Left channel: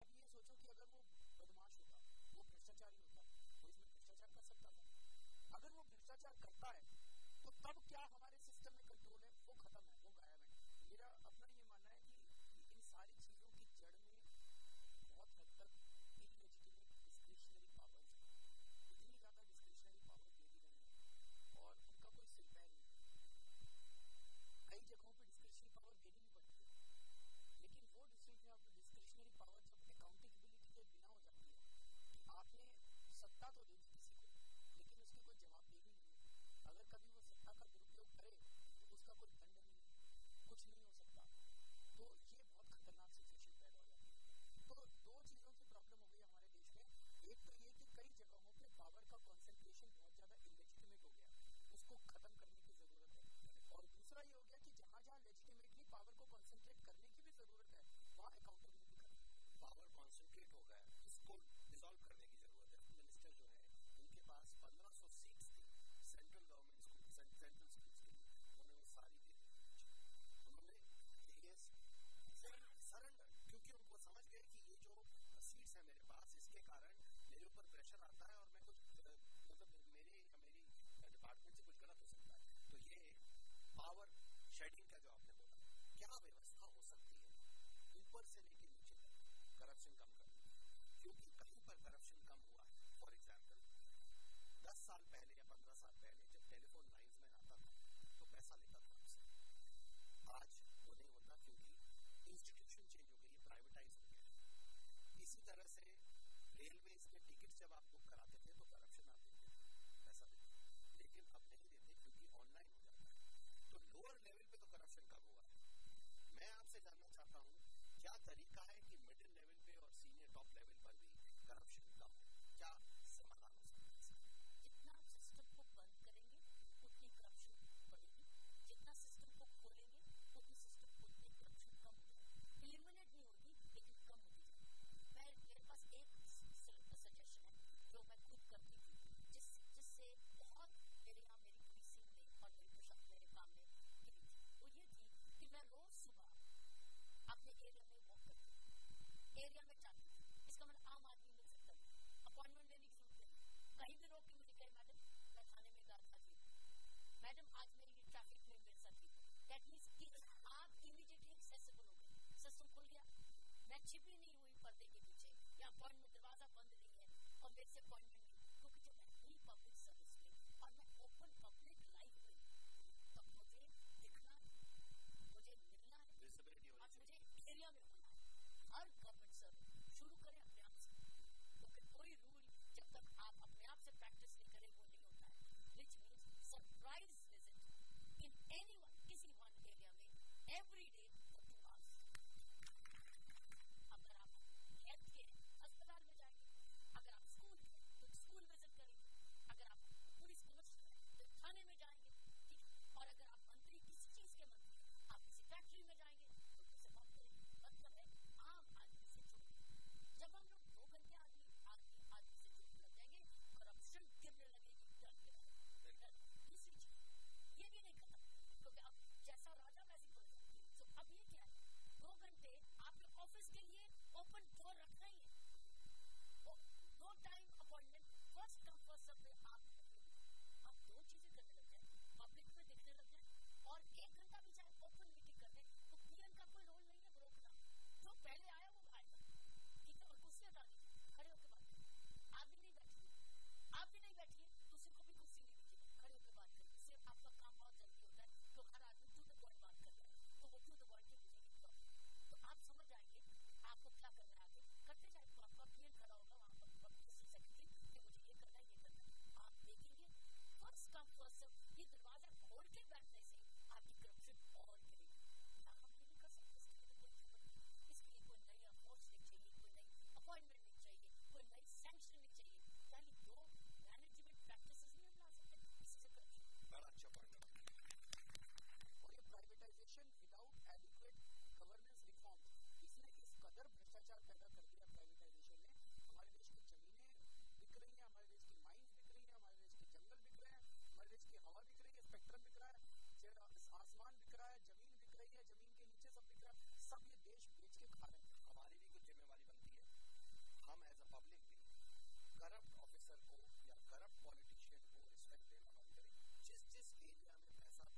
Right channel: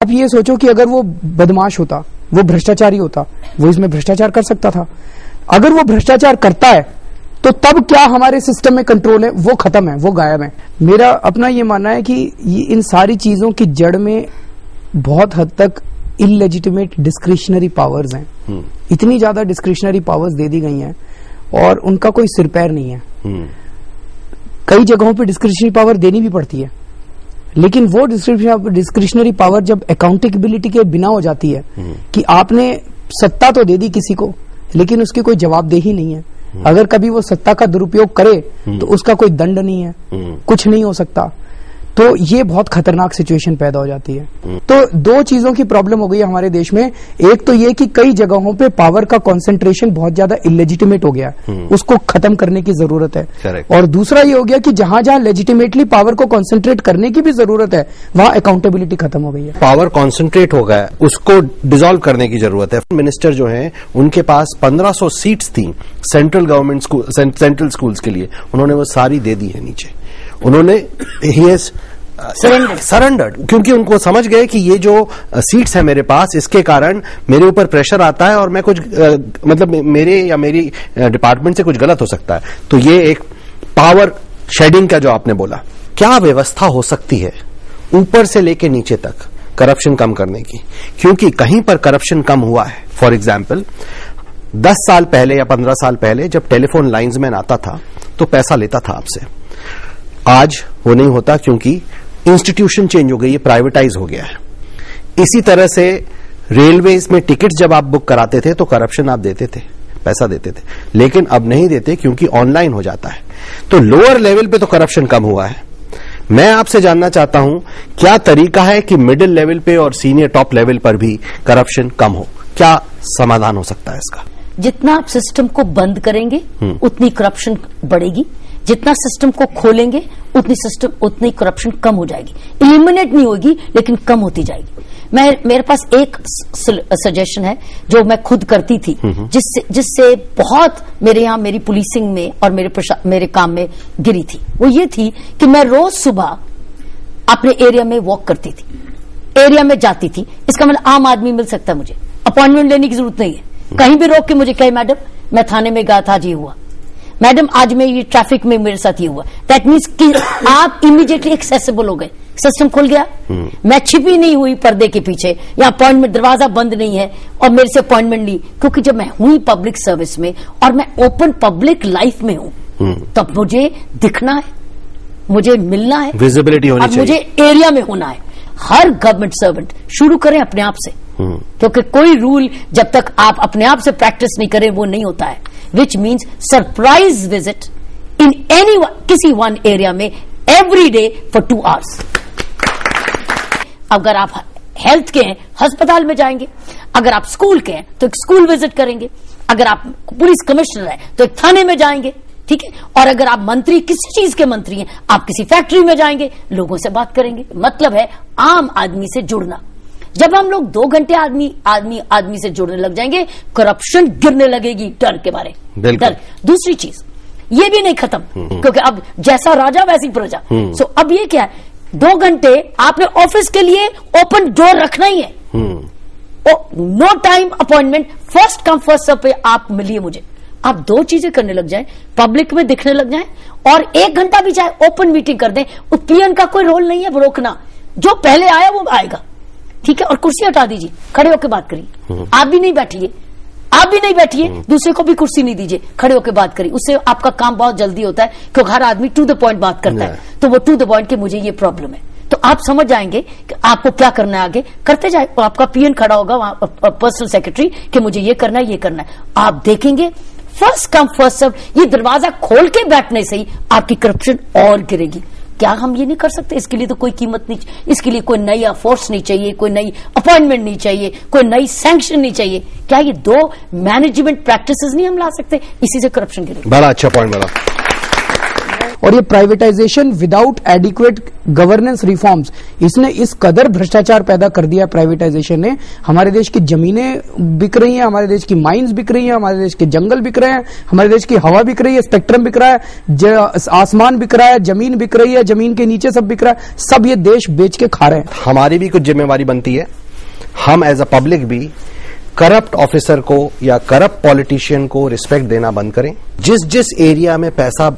आप ये सोचो कि अगर वो बदमाश होता, वो भ्रष्टाचारी होता, वो इसमें भ्रष्टाचार कर सकता था। अगर वो भ्रष्टाचार करता है तो तब क्या हमारे सिस्टम में कंट्रोल है? वो खत्म है, वो गायब है। मेरा अपना ये मानना है कि इन सारी चीजों की जड़ में बहुत हद तक इलेजिटिमेट डिस्क्रिशनरी पावर्स हैं। इतनी ज्यादा डिस्क्रिशनरी पावर्स दे दी गई हैं और उनका कोई सिर पैर नहीं है। कई जगहों पे डिस्क्रिशनरी पावर देनी भी पड़ती है, लेकिन वो डिस्क्रिशनरी पावर जब अकाउंटेबिलिटी के बिना हो जाती है कि आपने सत्ता तो दे दी किसी को, लेकिन उसकी कोई जवाबदेही नहीं है। अगर कभी वो सत्ता का दुरुपयोग करे तो उसका कोई दंड नहीं है, कुछ नहीं हो सकता। तो ये बहुत खतरनाक सिचुएशन पैदा हो जाती है। तो दो चीजों की प्रॉब्लम हो गई है हमारे देश में। एक तो ये कि कई जगहों पे पावर का कंसंट्रेशन बहुत ज्यादा इलेजिटिमेट हो गया, उसको खत्म करने की जरूरत है। Correct. और दूसरा ये हो गया कि जहां जहां लेजिटिमेटली पावर को कंसंट्रेट करने की भी जरूरत है, वहां अकाउंटेबिलिटी खत्म हो गई है। पावर कॉन्सेंट्रेट हो गया, उसको डिसॉल्व करने की जरूरत है। मिनिस्टर जो है उनके पास 1500 सीट्स थी central government school, central schools के लिए, उन्होंने वो सारी दे दी है नीचे। उन्होंने सरेंडर्ड, क्योंकि उनको समझ गए कि ये जो सीट्स है मेरे पास, इसके कारण मेरे ऊपर प्रेशर आता है और मैं कुछ मतलब मेरे या मेरी डिपार्टमेंट से कुछ गलत हो सकता है। तो ये एक पावर शेडिंग का जो आपने बोला, क्या व्यवस्था हो सकती है ऊपर से लेके नीचे तक करप्शन कम करने की? क्योंकि कहीं पर करप्शन कम हुआ है। फॉर एग्जाम्पल 10 साल पहले या 15 साल पहले जब टेलीफोन लाइंसमैन आता था तो पैसा लेता था आपसे। आज वो नहीं होता क्योंकि इंस्टीट्यूशन चेंज हो गई है, प्राइवेटाइज हो गया है। इसी तरह से रेलवेज में टिकट जब आप बुक कराते थे तो करप्शन आप देते थे, पैसा देते थे, लेकिन अब नहीं देते क्योंकि ऑनलाइन हो जाता है। तो लोअर लेवल पे तो करप्शन कम हुआ है। मैं आपसे जानना चाहता हूं क्या तरीका है कि मिडिल लेवल पे और सीनियर टॉप लेवल पर भी करप्शन कम हो? क्या समाधान हो सकता है इसका? जितना आप सिस्टम को बंद करेंगे उतनी करप्शन बढ़ेगी, जितना सिस्टम को खोलेंगे उतनी करप्शन कम हो जाएगी। इलिमिनेट नहीं होगी लेकिन कम होती जाएगी। मेरे पास एक सजेशन है जो मैं खुद करती थी, जिससे बहुत मेरे यहाँ मेरी पुलिसिंग में और मेरे काम में गिरी थी। वो ये थी कि मैं रोज सुबह अपने एरिया में वॉक करती थी, एरिया में जाती थी। इसका मतलब आम आदमी मिल सकता है, मुझे अपॉइंटमेंट लेने की जरूरत नहीं है। कहीं भी रोक के मुझे कहे मैडम मैं थाने में गया था, आज ये हुआ, मैडम आज मैं ये ट्रैफिक में मेरे साथ ये हुआ। दैट मीन्स कि आप इमीडिएटली एक्सेसिबल हो गए, सिस्टम खुल गया। मैं छिपी नहीं हुई पर्दे के पीछे, या अपॉइंटमेंट दरवाजा बंद नहीं है और मेरे से अपॉइंटमेंट ली, क्योंकि जब मैं हुई पब्लिक सर्विस में और मैं ओपन पब्लिक लाइफ में हूं तब मुझे दिखना है, मुझे मिलना है, विजिबिलिटी होनी चाहिए, मुझे एरिया में होना है। हर गवर्नमेंट सर्वेंट शुरू करें अपने आप से, क्योंकि कोई रूल जब तक आप अपने आप से प्रैक्टिस नहीं करें वो नहीं होता है। Which means surprise visit in किसी वन एरिया में every day for 2 hours। अगर आप हेल्थ के हैं अस्पताल में जाएंगे, अगर आप स्कूल के हैं तो एक स्कूल विजिट करेंगे, अगर आप पुलिस कमिश्नर हैं तो एक थाने में जाएंगे, ठीक है। और अगर आप मंत्री, किसी चीज के मंत्री हैं, आप किसी फैक्ट्री में जाएंगे, लोगों से बात करेंगे। मतलब है आम आदमी से जुड़ना। जब हम लोग 2 घंटे आदमी से जुड़ने लग जाएंगे, करप्शन गिरने लगेगी डर के बारे। डर। दूसरी चीज ये भी नहीं खत्म, क्योंकि अब जैसा राजा वैसी प्रजा। सो अब ये क्या है, 2 घंटे आपने ऑफिस के लिए ओपन डोर रखना ही है। No time appointment, first come first serve पे आप मिलिए मुझे। आप 2 चीजें करने लग जाएं, पब्लिक में दिखने लग जाएं, और 1 घंटा भी चाहे ओपन मीटिंग कर दें। पीएन का कोई रोल नहीं है रोकना, जो पहले आया वो आएगा, ठीक है। और कुर्सी हटा दीजिए, खड़े होकर बात करिए। आप भी नहीं बैठिए, दूसरे को भी कुर्सी नहीं दीजिए, खड़े होकर बात करिए। उससे आपका काम बहुत जल्दी होता है, क्योंकि हर आदमी टू द पॉइंट बात करता है। तो वो टू द पॉइंट कि मुझे ये प्रॉब्लम है, तो आप समझ जाएंगे कि आपको क्या करना है, आगे करते जाए। तो आपका पीएन खड़ा होगा वहां, पर्सनल सेक्रेटरी, कि मुझे ये करना है, ये करना है। आप देखेंगे फर्स्ट कम फर्स्ट सर्व, ये दरवाजा खोल के बैठने से ही आपकी करप्शन और गिरेगी। क्या हम ये नहीं कर सकते? इसके लिए तो कोई कीमत नहीं, इसके लिए कोई नई फोर्स नहीं चाहिए, कोई नई अपॉइंटमेंट नहीं चाहिए, कोई नई सैंक्शन नहीं चाहिए। क्या ये 2 मैनेजमेंट प्रैक्टिसेस नहीं हम ला सकते? इसी से करप्शन गिरेगी। बड़ा अच्छा पॉइंट बोला। और ये privatisation without adequate governance reforms, इसने इस कदर भ्रष्टाचार पैदा कर दिया प्राइवेटाइजेशन ने। हमारे देश की जमीनें बिक रही हैं, हमारे देश की माइंस बिक रही हैं, हमारे देश के जंगल बिक रहे हैं, हमारे देश की हवा बिक रही है, स्पेक्ट्रम बिक रहा है, आसमान बिक रहा है, जमीन बिक रही है, जमीन के नीचे सब बिक रहा है, सब ये देश बेच के खा रहे हैं। हमारी भी कुछ जिम्मेवारी बनती है, हम एज अ पब्लिक भी करप्ट ऑफिसर को या करप्ट पॉलिटिशियन को रिस्पेक्ट देना बंद करें। जिस जिस एरिया में पैसा,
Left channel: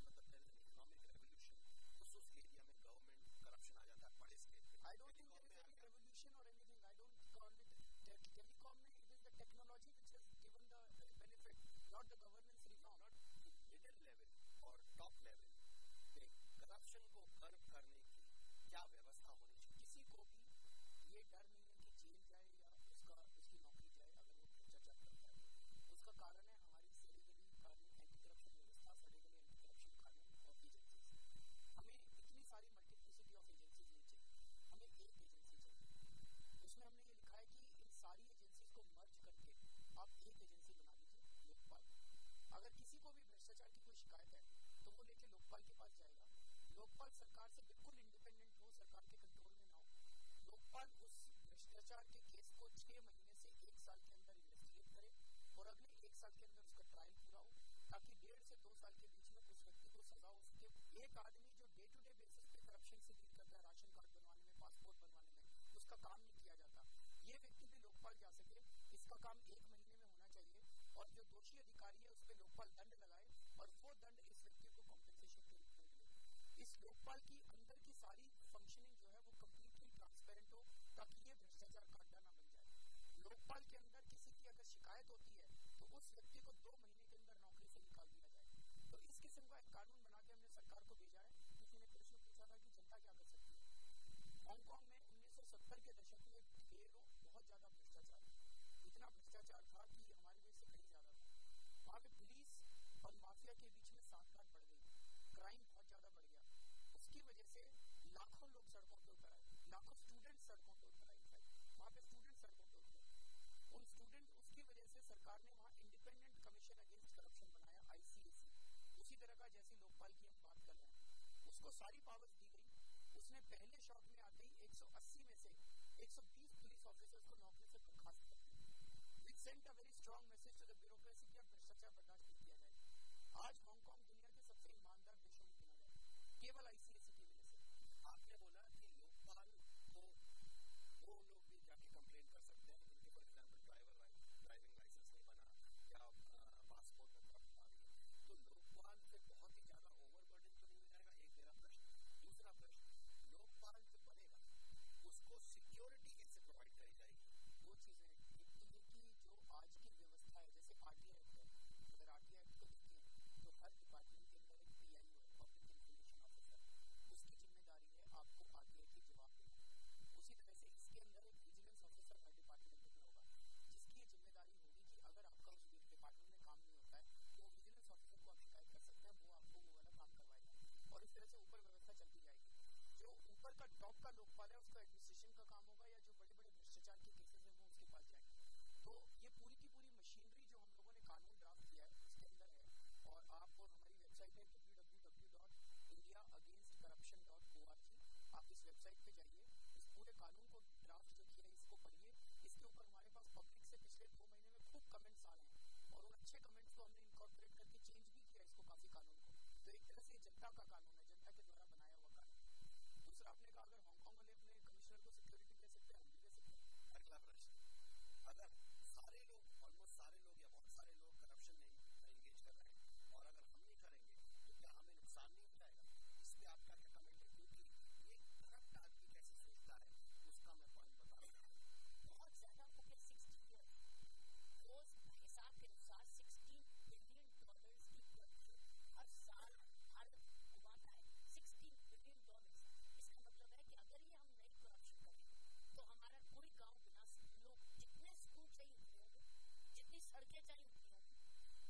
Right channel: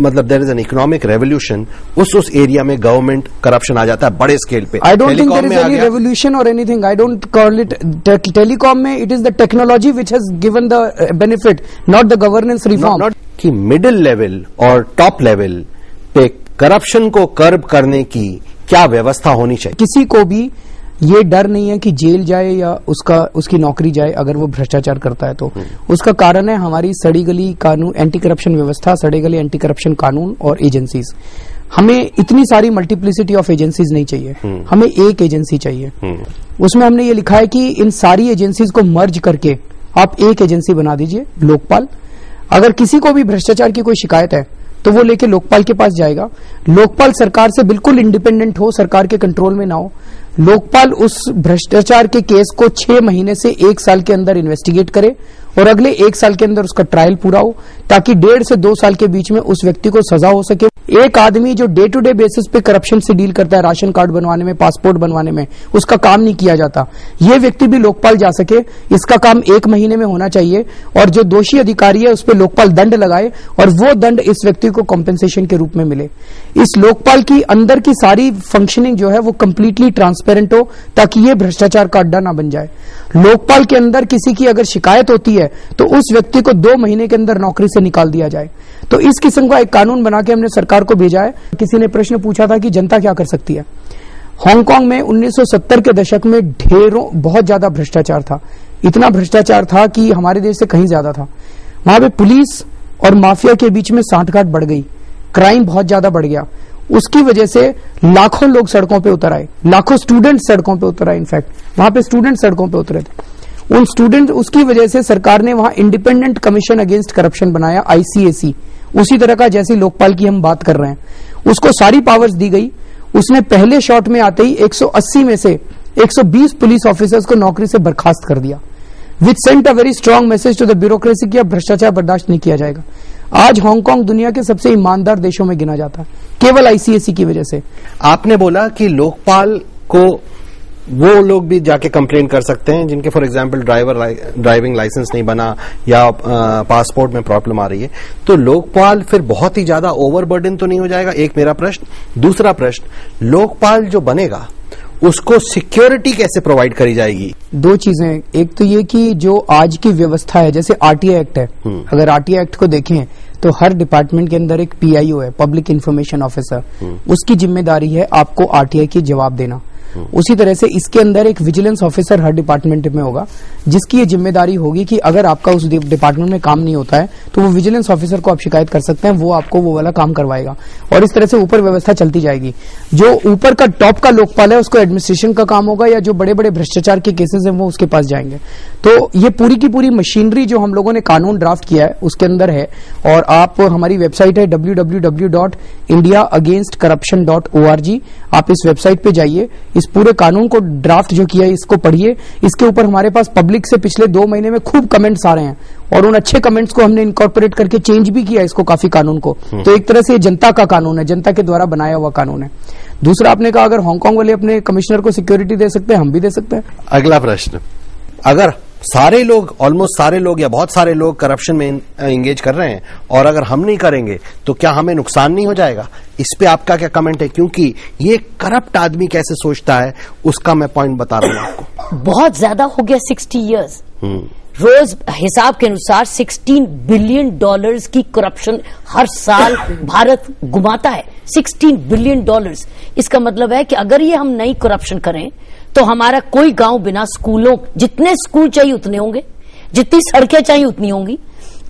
मतलब there is an economic revolution, उस एरिया में गवर्नमेंट करप्शन आ जाता है बड़े स्केल पे। I don't think there is any revolution और anything, I don't call it. Telecom में it is the technology which has given the benefit, not the governance reform. कि मिडिल लेवल और top level पे corruption को curb करने की क्या व्यवस्था होनी चाहिए? किसी को भी ये डर नहीं है कि जेल जाए या उसकी नौकरी जाए अगर वो भ्रष्टाचार करता है तो। उसका कारण है हमारी सड़ी गली कानून, एंटी करप्शन व्यवस्था, सड़ी गली एंटी करप्शन कानून और एजेंसीज। हमें इतनी सारी मल्टीप्लिसिटी ऑफ एजेंसीज नहीं चाहिए, हमें एक एजेंसी चाहिए। उसमें हमने ये लिखा है कि इन सारी एजेंसीज को मर्ज करके आप एक एजेंसी बना दीजिए, लोकपाल। अगर किसी को भी भ्रष्टाचार की कोई शिकायत है तो वो लेके लोकपाल के पास जाएगा। लोकपाल सरकार से बिल्कुल इंडिपेंडेंट हो, सरकार के कंट्रोल में ना हो। लोकपाल उस भ्रष्टाचार के केस को 6 महीने से 1 साल के अंदर इन्वेस्टिगेट करे और अगले 1 साल के अंदर उसका ट्रायल पूरा हो, ताकि 1.5 से 2 साल के बीच में उस व्यक्ति को सजा हो सके। एक आदमी जो डे टू डे बेसिस पे करप्शन से डील करता है, राशन कार्ड बनवाने में, पासपोर्ट बनवाने में, उसका काम नहीं किया जाता, ये व्यक्ति भी लोकपाल जा सके। इसका काम 1 महीने में होना चाहिए और जो दोषी अधिकारी है उस पर लोकपाल दंड लगाए और वो दंड इस व्यक्ति को कॉम्पेंसेशन के रूप में मिले। इस लोकपाल की अंदर की सारी फंक्शनिंग जो है वो कंप्लीटली ट्रांसपेरेंट हो, ताकि ये भ्रष्टाचार का अड्डा ना बन जाए। लोकपाल के अंदर किसी की अगर शिकायत होती है तो उस व्यक्ति को 2 महीने के अंदर नौकरी से निकाल दिया जाए। तो इस किस्म का एक कानून बना के हमने सरकार को भेजा है। किसी ने प्रश्न पूछा था कि जनता क्या कर सकती है। हांगकांग में 1970 के दशक में बहुत ज्यादा भ्रष्टाचार था, इतना भ्रष्टाचार था कि हमारे देश से कहीं ज्यादा था। वहां पे पुलिस और माफिया के बीच में सांठगांठ बढ़ गई, क्राइम बहुत ज्यादा बढ़ गया। उसकी वजह से लाखों लोग सड़कों पे उतर आए, लाखों स्टूडेंट सड़कों पे उतर आए। इनफैक्ट वहां पे स्टूडेंट सड़कों पे उतरे थे। उन स्टूडेंट, उसकी वजह से सरकार ने वहां इंडिपेंडेंट कमीशन अगेंस्ट करप्शन बनाया, ICAC, उसी तरह का जैसी लोकपाल की हम बात कर रहे हैं। उसको सारी पावर्स दी गई। उसने पहले शॉट में आते ही 180 में से 120 पुलिस ऑफिसर्स को नौकरी से बर्खास्त कर दिया, which sent a very strong message to the bureaucracy कि अब भ्रष्टाचार बर्दाश्त नहीं किया जाएगा। आज हांगकांग दुनिया के सबसे ईमानदार देशों में गिना जाता है, केवल ICAC की वजह से। आपने बोला कि लोकपाल को वो लोग भी जाके कंप्लेन कर सकते हैं जिनके फॉर एग्जांपल ड्राइविंग लाइसेंस नहीं बना या पासपोर्ट में प्रॉब्लम आ रही है, तो लोकपाल फिर बहुत ही ज्यादा ओवरबर्डन तो नहीं हो जाएगा? एक मेरा प्रश्न। दूसरा प्रश्न, लोकपाल जो बनेगा उसको सिक्योरिटी कैसे प्रोवाइड करी जाएगी? 2 चीजें। एक तो ये कि जो आज की व्यवस्था है, जैसे RTI एक्ट है, अगर RTI एक्ट को देखें तो हर डिपार्टमेंट के अंदर एक PIO है, पब्लिक इंफॉर्मेशन ऑफिसर, उसकी जिम्मेदारी है आपको RTI की जवाब देना। उसी तरह से इसके अंदर एक विजिलेंस ऑफिसर हर डिपार्टमेंट में होगा, जिसकी ये जिम्मेदारी होगी कि अगर आपका उस डिपार्टमेंट में काम नहीं होता है तो वो विजिलेंस ऑफिसर को आप शिकायत कर सकते हैं, वो आपको वो वाला काम करवाएगा। और इस तरह से ऊपर व्यवस्था चलती जाएगी। जो ऊपर का टॉप का लोकपाल है उसको एडमिनिस्ट्रेशन का काम होगा, या जो बड़े बड़े भ्रष्टाचार के केसेस हैं वो उसके पास जाएंगे। तो ये पूरी की पूरी मशीनरी जो हम लोगों ने कानून ड्राफ्ट किया है उसके अंदर है। और आप, हमारी वेबसाइट है www.indiaagainstcorruption.org। आप इस वेबसाइट पे जाइए, इस पूरे कानून को ड्राफ्ट जो किया है इसको पढ़िए। इसके ऊपर हमारे पास पब्लिक से पिछले 2 महीने में खूब कमेंट्स आ रहे हैं और उन अच्छे कमेंट्स को हमने इनकॉर्पोरेट करके चेंज भी किया इसको, काफी कानून को। तो एक तरह से ये जनता का कानून है, जनता के द्वारा बनाया हुआ कानून है। दूसरा, आपने कहा अगर हांगकांग वाले अपने कमिश्नर को सिक्योरिटी दे सकते हैं, हम भी दे सकते हैं। अगला प्रश्न, अगर सारे लोग, ऑलमोस्ट सारे लोग या बहुत सारे लोग करप्शन में एंगेज कर रहे हैं और अगर हम नहीं करेंगे तो क्या हमें नुकसान नहीं हो जाएगा? इस पे आपका क्या कमेंट है? क्योंकि ये करप्ट आदमी कैसे सोचता है उसका मैं पॉइंट बता रहा हूं आपको। बहुत ज्यादा हो गया 60 इयर्स। रोज हिसाब के अनुसार $16 बिलियन की करप्शन हर साल भारत घुमाता है। $16 बिलियन। इसका मतलब है कि अगर ये हम नई करप्शन करें तो हमारा कोई गांव बिना स्कूलों, जितने स्कूल चाहिए उतने होंगे, जितनी सड़कें चाहिए उतनी होंगी,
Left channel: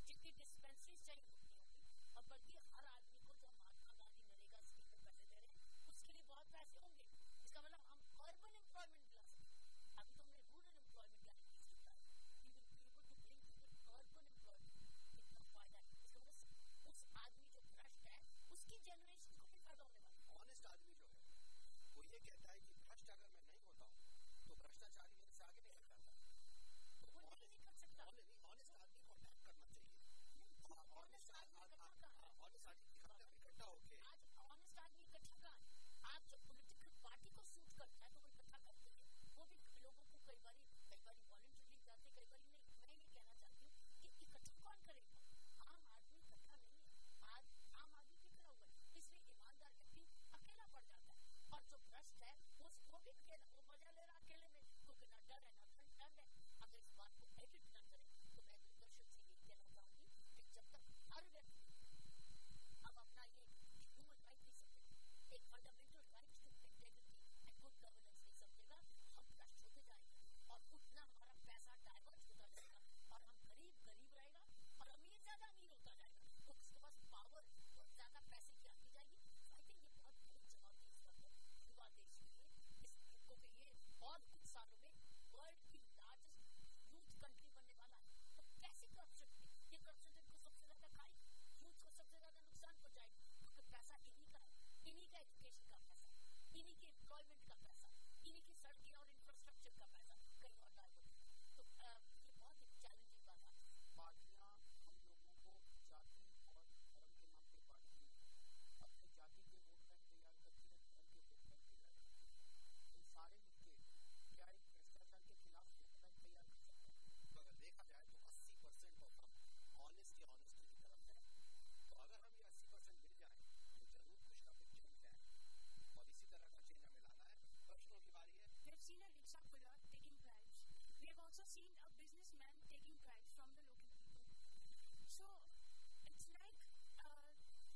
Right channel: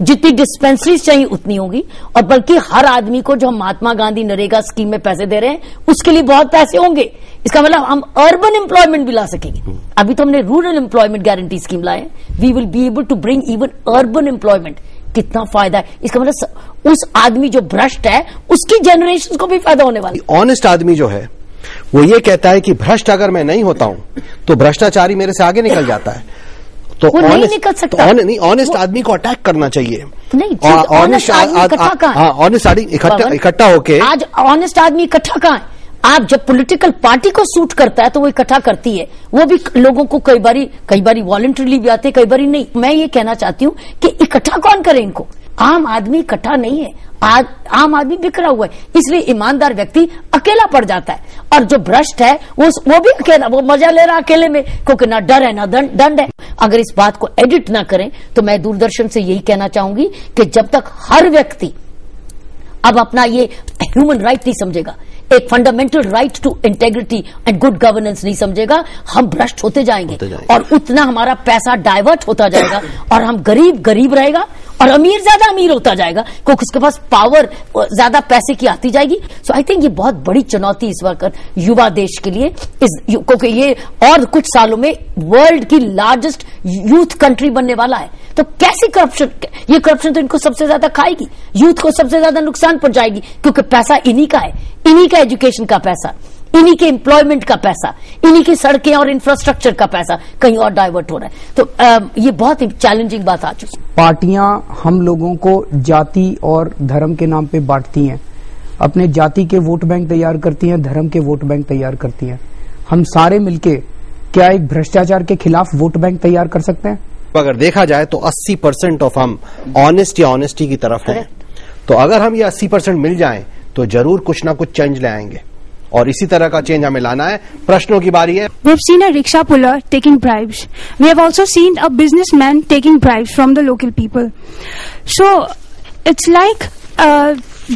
जितनी डिस्पेंसरीज चाहिए उतनी होंगी, और बल्कि हर आदमी को जो हम महात्मा गांधी नरेगा स्कीम में पैसे दे रहे हैं उसके लिए बहुत पैसे होंगे। इसका मतलब हम अर्बन एम्प्लॉयमेंट भी ला सकेंगे। अभी तो हमने रूरल एम्प्लॉयमेंट गारंटी स्कीम लाए, we will be able to bring even urban employment कितना फायदा है। इसका मतलब उस आदमी जो भ्रष्ट है उसकी जनरेशन को भी फायदा होने वाला है। ऑनेस्ट आदमी जो है वो ये कहता है कि भ्रष्ट अगर मैं नहीं होता हूं तो भ्रष्टाचारी मेरे से आगे निकल जाता है। तो वो नहीं निकल सकता। ऑनेस्ट आदमी को अटैक करना चाहिए। नहीं, ऑनेस्ट आदमी इकट्ठा होके। आज ऑनेस्ट आदमी इकट्ठा कहाँ है? आप जब पॉलिटिकल पार्टी को सूट करता है तो वो इकट्ठा करती है, वो भी लोगों को कई बारी वॉलंटरीली भी आते, कई बारी नहीं। मैं ये कहना चाहती हूँ कि इकट्ठा कौन करे इनको? आम आदमी इकट्ठा नहीं है, आम आदमी बिखरा हुआ है, इसलिए ईमानदार व्यक्ति अकेला पड़ जाता है। और जो भ्रष्ट है वो भी अकेला, वो मजा ले रहा अकेले में, क्योंकि ना डर है ना दंड है। अगर इस बात को एडिट ना करें तो मैं दूरदर्शन से यही कहना चाहूंगी कि जब तक हर व्यक्ति अब अपना ये ह्यूमन राइट नहीं समझेगा, एक fundamental right to integrity and good governance नहीं समझेगा, हम भ्रष्ट होते जाएंगे और उतना हमारा पैसा डाइवर्ट होता जाएगा और हम गरीब रहेगा और अमीर ज्यादा अमीर होता जाएगा, क्योंकि उसके पास पावर ज्यादा पैसे की आती जाएगी। सो आई थिंक ये बहुत बड़ी चुनौती इस वक्त युवा देश के लिए, क्योंकि ये और कुछ सालों में वर्ल्ड की लार्जेस्ट यूथ कंट्री बनने वाला है। तो कैसी करप्शन, ये करप्शन तो इनको सबसे ज्यादा खाएगी, यूथ को सबसे ज्यादा नुकसान पहुंचाएगी, क्योंकि पैसा इन्हीं का है, इन्हीं का एजुकेशन का पैसा, इन्हीं के एम्प्लॉयमेंट का पैसा, इन्हीं की सड़कें और इंफ्रास्ट्रक्चर का पैसा कहीं और डाइवर्ट हो रहा है। तो ये बहुत ही चैलेंजिंग बात आ चुकी है। पार्टियां हम लोगों को जाति और धर्म के नाम पे बांटती हैं, अपने जाति के वोट बैंक तैयार करती हैं, धर्म के वोट बैंक तैयार करती हैं। हम सारे मिलके क्या एक भ्रष्टाचार के खिलाफ वोट बैंक तैयार कर सकते हैं? अगर देखा जाए तो 80% ऑफ हम ऑनेस्ट या ऑनेस्टी की तरफ हैं। तो अगर हम ये 80% मिल जाएं तो जरूर कुछ ना कुछ चेंज ले आएंगे और इसी तरह का चेंज हमें लाना है। प्रश्नों की बारी है। We have seen a rickshaw puller taking bribes. We have also seen a businessman taking bribes from the local people. So it's like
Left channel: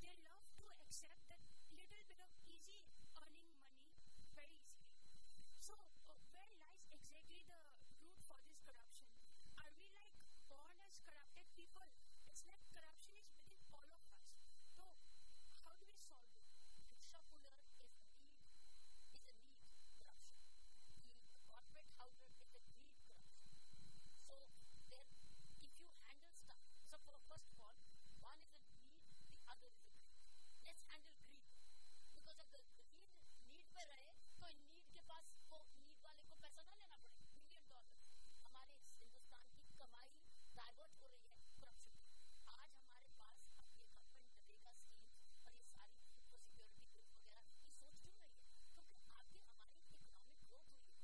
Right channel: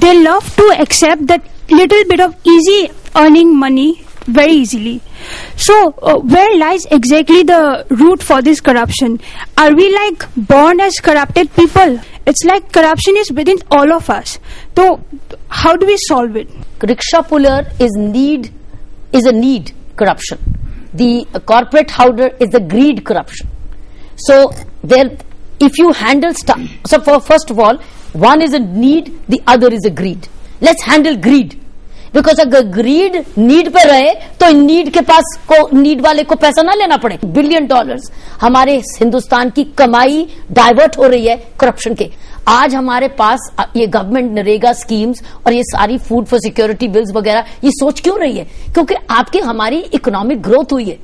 they love to accept that little bit of easy earning money very easily. So where lies exactly the root for this corruption? Are we like born as corrupted people? It's like corruption is within all of us. So how do we solve it? Rickshaw puller is a need corruption. The corporate holder is the greed corruption. So if you handle stuff, so first of all, one is a need, the other is a greed. Let's handle greed. Because अगर grid need पे रहे तो need के पास को, need वाले को पैसा ना लेना पड़े। $1 बिलियन हमारे हिंदुस्तान की कमाई डाइवर्ट हो रही है करप्शन के। आज हमारे पास ये गवर्नमेंट नरेगा स्कीम्स और ये सारी फूड फॉर सिक्योरिटी बिल्स वगैरह ये सोच क्यों रही है? क्योंकि आपकी हमारी इकोनॉमिक ग्रोथ हुई है,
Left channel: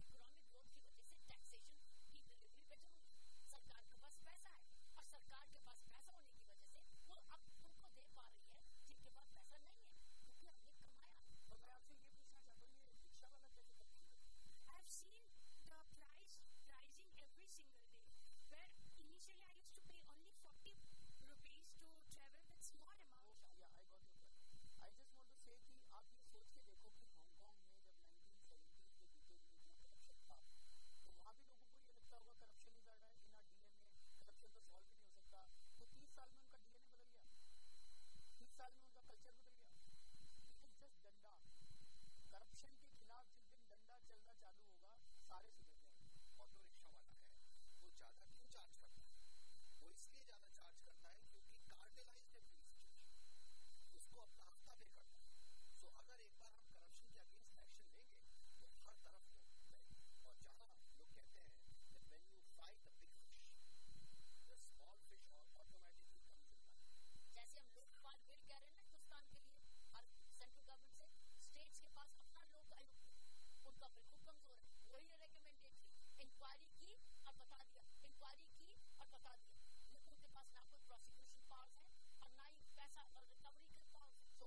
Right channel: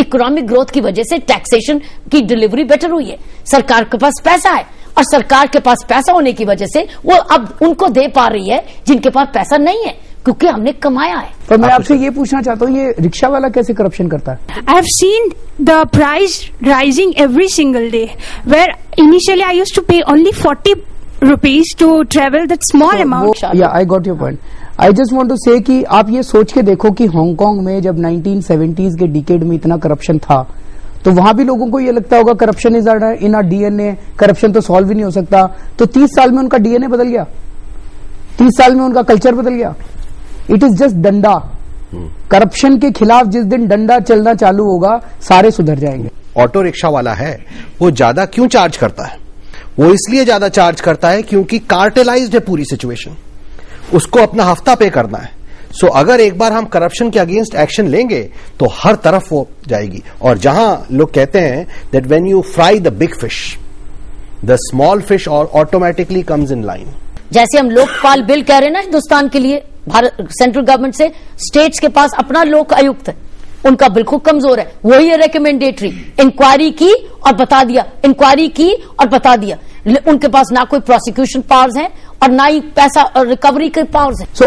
इकोनॉमिक ग्रोथ की वजह से टैक्सेशन की डिलीवरी बेटर हुई है, सरकार के पास पैसा है और सरकार के पास पैसा होने की वजह से वो अब उनको दे पा रही है जिनके पास पैसा नहीं है, क्योंकि हमने कमाया है। पर मैं आपसे ये पूछना चाहता हूँ, ये रिक्शा वाला कैसे करप्शन करता है? I have seen the price rising every single day, where initially I used to pay only 40 rupees to travel that small amount. Yeah, I got your point. I just want to say कि आप ये सोच के देखो कि Hong Kong में जब 1970s के डिकेड में इतना करप्शन था तो वहां भी लोगों को ये लगता होगा corruption is in our DNA, corruption तो सॉल्व ही नहीं हो सकता। तो 30 साल में उनका डीएनए बदल गया, 30 साल में उनका कल्चर बदल गया। इट इज जस्ट डंडा। करप्शन के खिलाफ जिस दिन डंडा चलना चालू होगा सारे सुधर जाएंगे। ऑटो रिक्शा वाला है वो ज्यादा क्यों चार्ज करता है? वो इसलिए ज्यादा चार्ज करता है क्योंकि कार्टेलाइज्ड है पूरी सिचुएशन, उसको अपना हफ्ता पे करना है। सो अगर एक बार हम करप्शन के अगेंस्ट एक्शन लेंगे तो हर तरफ वो जाएगी। और जहां लोग कहते हैं that when you fry the big fish the small fish और ऑटोमेटिकली कम्स इन लाइन। जैसे हम लोकपाल बिल कह रहे हैं ना हिंदुस्तान के लिए, भारत सेंट्रल गवर्नमेंट से स्टेट्स के पास अपना लोक आयुक्त है, उनका बिल्कुल कमजोर है। वही है रिकमेंडेटरी, इंक्वायरी की और बता दिया, इंक्वायरी की और बता दिया। उनके पास ना कोई प्रोसिक्यूशन पावर्स हैं और ना ही पैसा और रिकवरी के पावर्स हैं। सो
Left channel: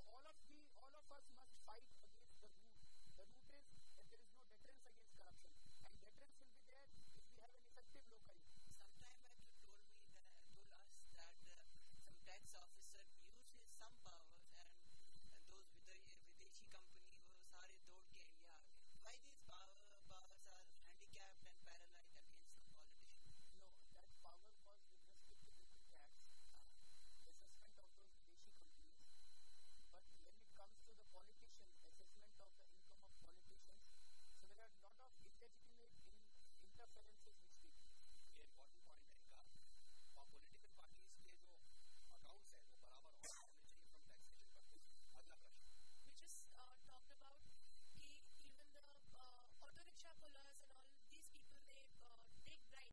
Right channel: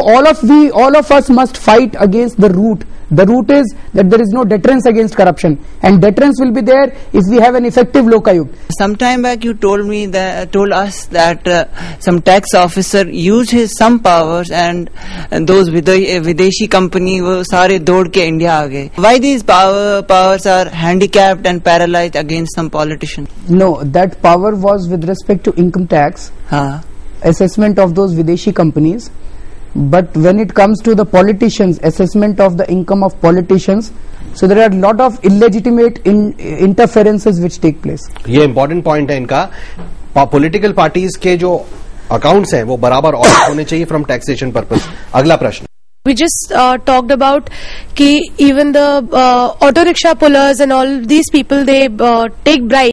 all of us must fight against the root. The root is that there is no deterrence against corruption, and deterrence will be there if we have an effective lokayukt. Some time back you told us that some tax officer used his some powers and those विदेशी company वो सारे दौड़ के India आ गए. Why these powers are handicapped and paralyzed against some politician? No, that power was with respect to income tax, assessment of those विदेशी companies. But when it comes to the politicians, assessment of the income of politicians, so there are a lot of illegitimate interferences which take place. ये important point है इनका। Political parties के जो accounts हैं वो बराबर audit होने चाहिए फ्रॉम टैक्सेशन पर्पस। अगला प्रश्न। We just talked about कि even the auto rickshaw pullers and all these people, they take bribes.